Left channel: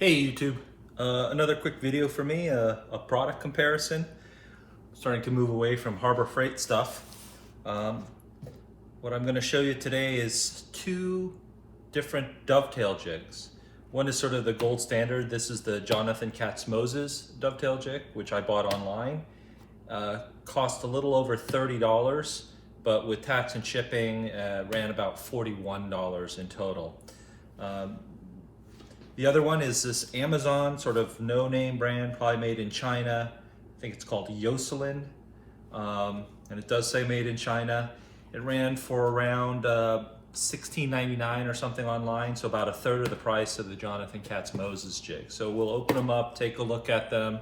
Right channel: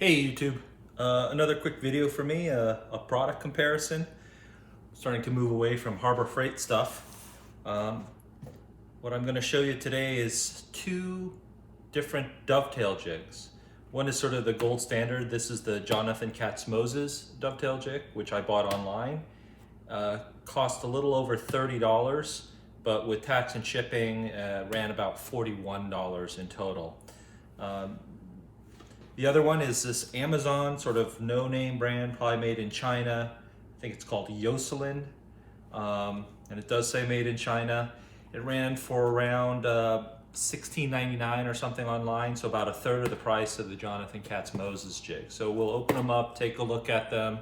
Hey YouTube, another quick video for me, a product comparison. Starting to move away from Harbor Freight stuff. What I'm going to show you today is two different dovetail jigs. One is sort of the gold standard. This is the katz-moses dovetail jig, which I bought online. Cost a little over $30, but with tax and shipping ran about $41 in total. The other one is this Amazon sort of no-name brand, probably made in China. I think it's called Yoselin, and it does say made in China. It ran for around $16.99 or something online, so about a third of the price of the katz-moses jig. So we'll open them up, take a look at them,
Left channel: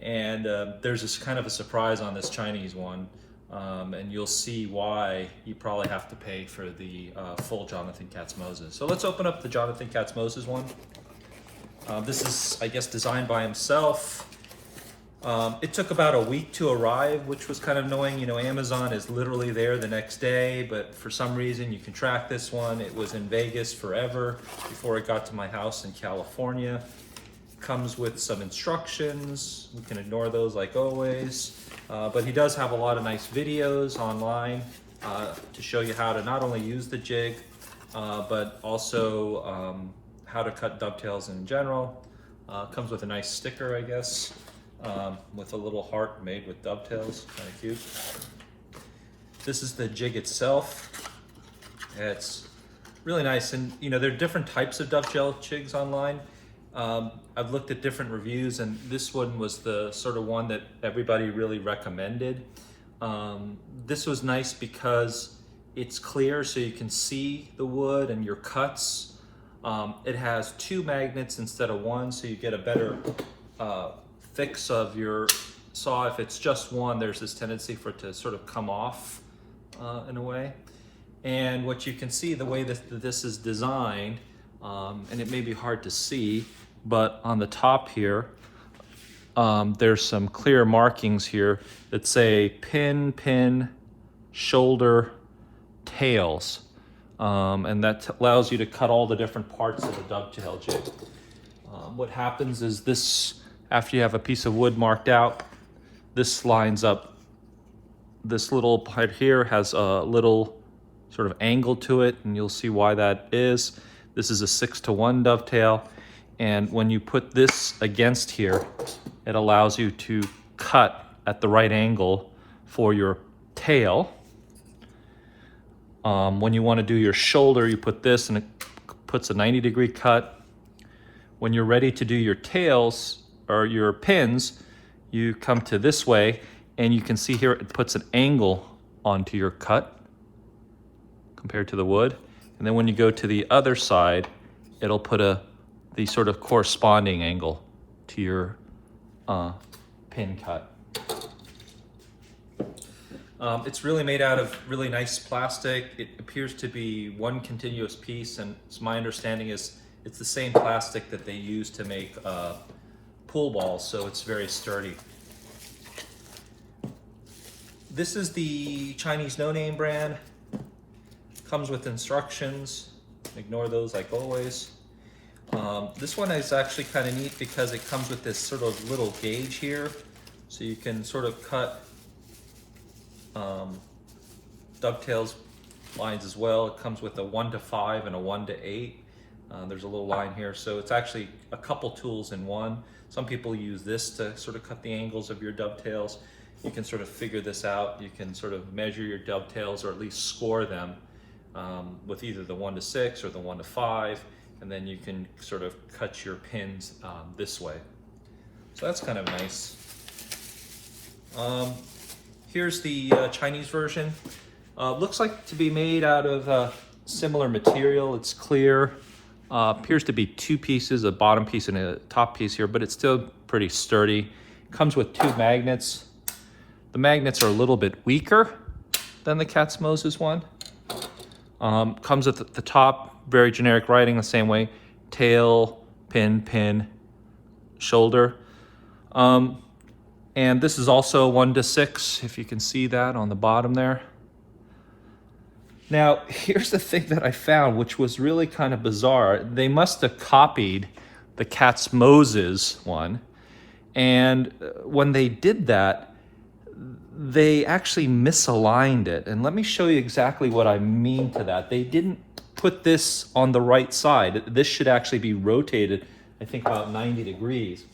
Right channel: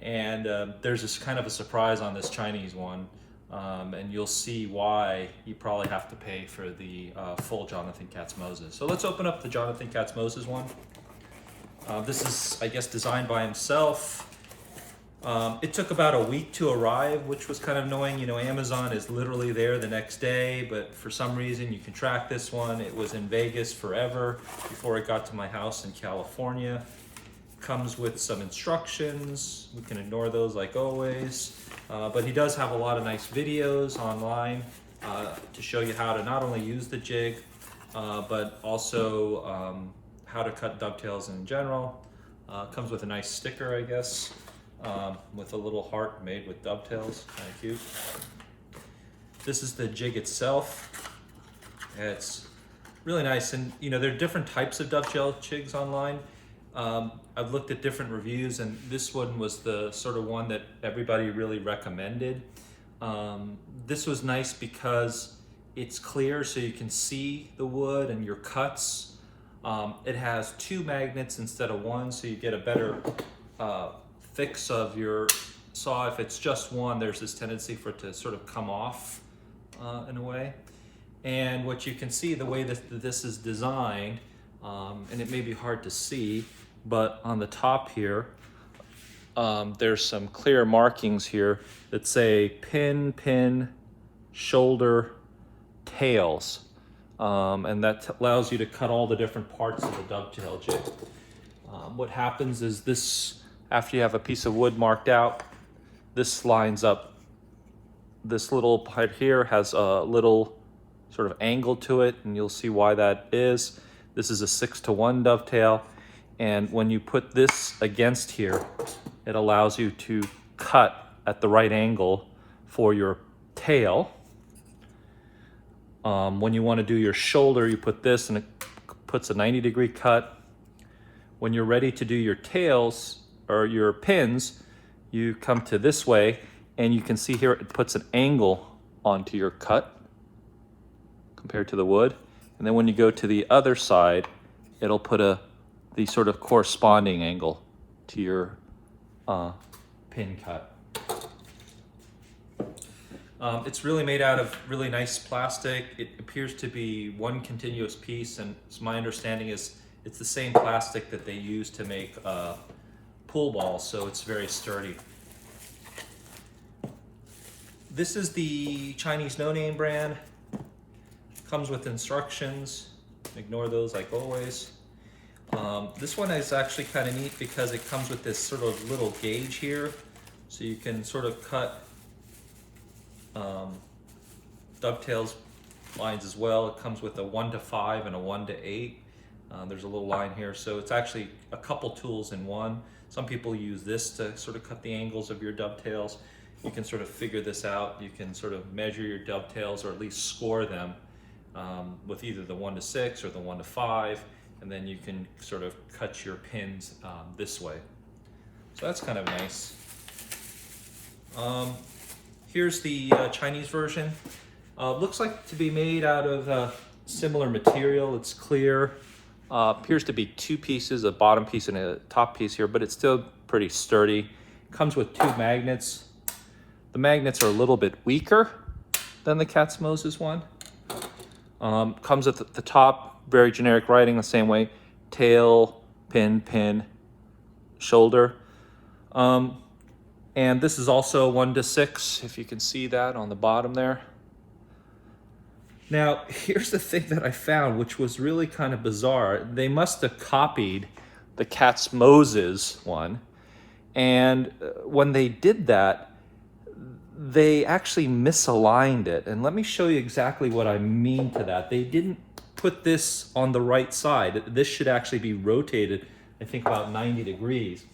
and there's this kind of a surprise on this Chinese one, and you'll see why you probably have to pay for the full katz-moses. So let's open up the katz-moses one. This is, I guess, designed by himself. It took about a week to arrive, which was kind of annoying. You know, Amazon is literally there the next day, but for some reason you can track this one. It was in Vegas forever before it got to my house in California. Comes with some instructions. We can ignore those like always. But he does have a lot of nice videos online to show you how to not only use the jig, but also how to cut dovetails in general. Comes with a nice sticker, I guess, with a little heart made with dovetails, kind of cute. This is the jig itself. It's really nice, and you know, there are different types of dovetail jigs online. I've looked at different reviews, and this one was the sort of one that everybody really recommended. This was nice because it's clear, so you can see the wood and your cuts. It has two magnets instead of one, so you get a better fix of your saw. If it's just one, there's this tendency for it to sort of come off in a way. And what you can see, the way that this is designed, and it may be hard to see, but on the top here, there's some clear markings here that say pin, pin, shoulder, tails. And that allows you to cut all the different parts of the dovetail jig. What happens is this, after you have a piece of wood marked out, this lines up. This little part here has a little sort of angle to it, and you'll see why that is. This is a 6-to-1 dovetail, and when you put this against here, it allows you to cut at the right angle for your tail. When you want to do your shoulder, you put this and it puts a 90-degree cut. When you're ready to do your tails or your pins, you come to this way, and you can see here it puts an angle onto your cut compared to the wood. And then when you go to the other side, it'll put the sort of corresponding angle to your pin cut. It's really made out of really nice plastic. It appears to be one continuous piece, and my understanding is it's the same plastic that they use to make pool balls, so it's very sturdy. This is the Chinese no-name brand. Comes with instructions. Ignore those like always. This one is actually kind of neat because it comes with this sort of little gauge here, so you can sort of cut dovetails lines as well. It comes with a 1-to-5 and a 1-to-8. There's a little line here, so it's actually a couple tools in one. Some people use this to sort of cut the angles of your dovetails. You can sort of figure this out. You can sort of measure your dovetails, or at least score them with either the 1-to-6 or the 1-to-5, and then you can sort of cut your pins this way. So that's kind of nice. Here's the Chinese version. Looks like to be made out of similar material. It's clear. Appears to be two pieces, a bottom piece and a top piece here, but it's still pretty sturdy. Comes with two magnets. The magnets are a little bit weaker than the katz-moses one. Comes at the top, very generic writing the same way. Tail, pin, pin, shoulder. And this is also 1-to-6, if you can see that on the bottom there. Now, here's the thing that I found, which was really kind of bizarre. They must have copied the katz-moses one. And when they did that, they actually misaligned it. And let me show you exactly what I mean to that. They didn't put this on the right side. This should actually be rotated, I think, about 90 degrees.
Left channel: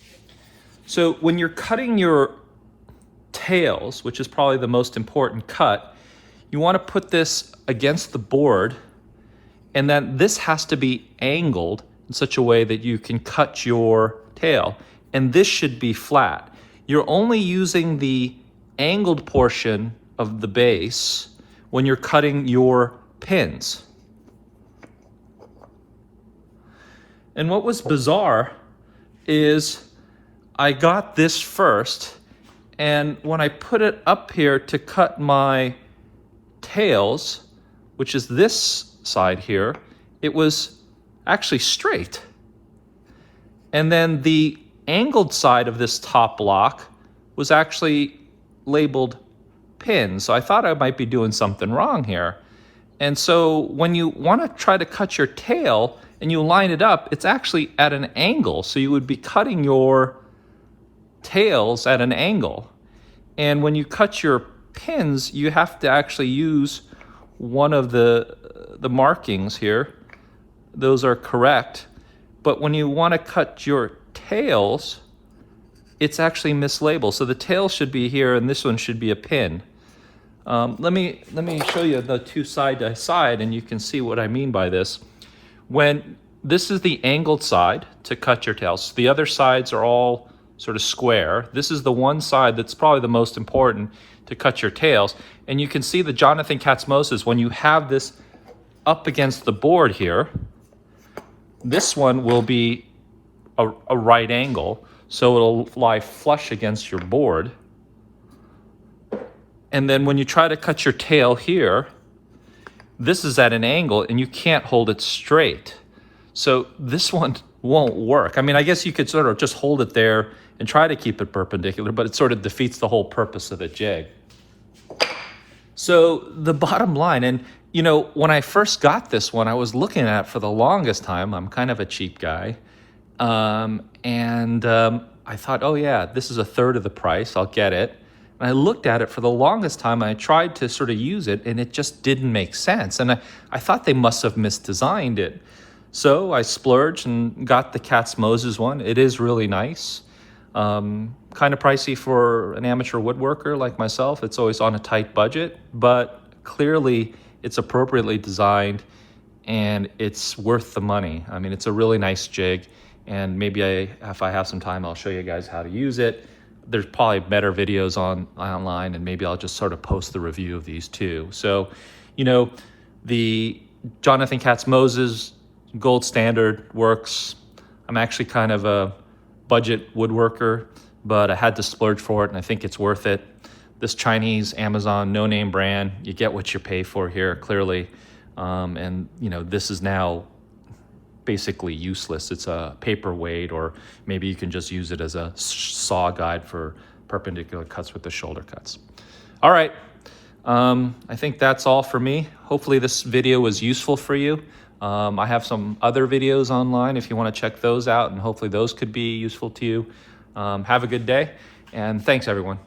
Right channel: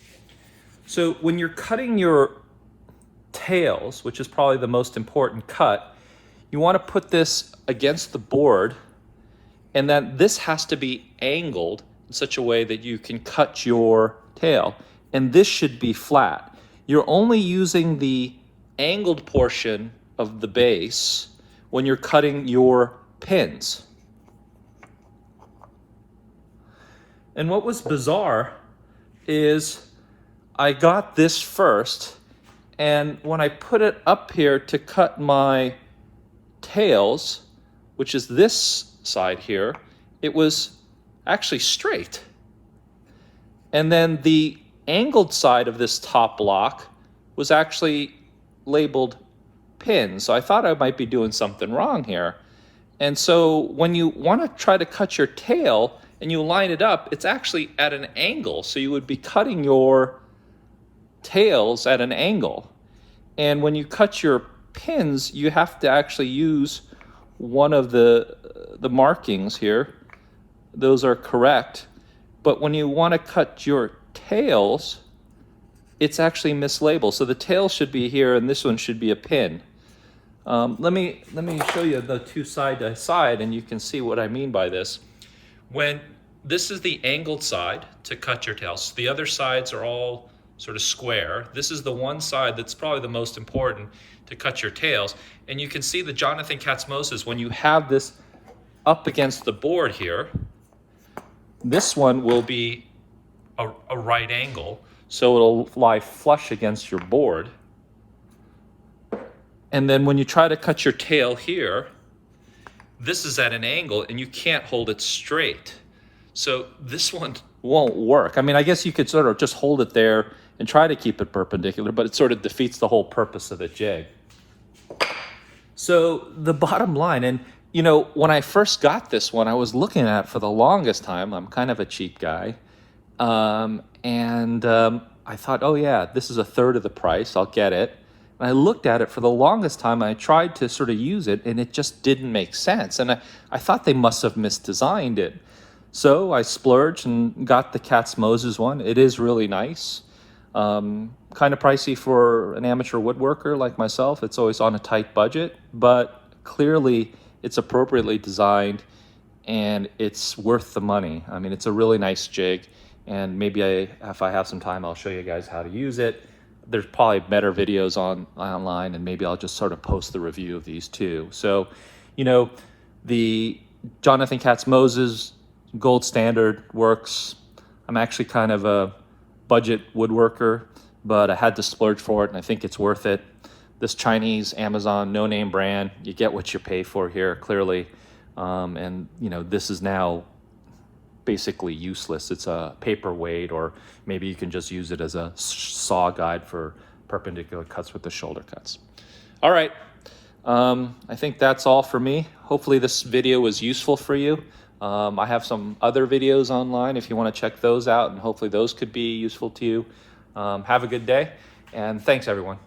So when you're cutting your tails, which is probably the most important cut, you want to put this against the board, and then this has to be angled in such a way that you can cut your tail. And this should be flat. You're only using the angled portion of the base when you're cutting your pins. And what was bizarre is I got this first, and when I put it up here to cut my tails, which is this side here, it was actually straight. And then the angled side of this top block was actually labeled pin. So I thought I might be doing something wrong here. And so when you want to try to cut your tail and you line it up, it's actually at an angle. So you would be cutting your tails at an angle. And when you cut your pins, you have to actually use one of the markings here. Those are correct. But when you want to cut your tails, it's actually mislabeled. So the tail should be here and this one should be a pin. Let me show you the two side to side and you can see what I mean by this. When this is the angled side to cut your tails, the other sides are all sort of square. This is the one side that's probably the most important to cut your tails. And you can see the Jonathan Katz-Moses, when you have this up against the board here, this one will be a right angle, so it'll lie flush against your board. And then when you try to cut your tail here, this is at an angle and you can't hold it straight. So this one won't work. I mean, I guess you could sort of just hold it there and try to keep it perpendicular, but it sort of defeats the whole purpose of the jig. So the bottom line, and you know, when I first got this one, I was looking at it for the longest time. I'm kind of a cheap guy. I thought, oh yeah, this is a third of the price, I'll get it. And I looked at it for the longest time, and I tried to sort of use it, and it just didn't make sense. And I thought they must have misdesigned it. So I splurged and got the katz-moses one. It is really nice. Kind of pricey for an amateur woodworker like myself. It's always on a tight budget, but clearly it's appropriately designed and it's worth the money. I mean, it's a really nice jig, and maybe if I have some time, I'll show you guys how to use it. There's probably better videos online, and maybe I'll just sort of post the review of these too. So, you know, the Jonathan Katz-Moses gold standard works. I'm actually kind of a budget woodworker, but I had to splurge for it, and I think it's worth it. This Chinese Amazon no-name brand, you get what you pay for here, clearly. And you know, this is now basically useless. It's a paperweight, or maybe you can just use it as a saw guide for perpendicular cuts with the shoulder cuts. All right, I think that's all for me. Hopefully this video was useful for you. I have some other videos online if you want to check those out, and hopefully those could be useful to you. Have a good day, and thanks everyone.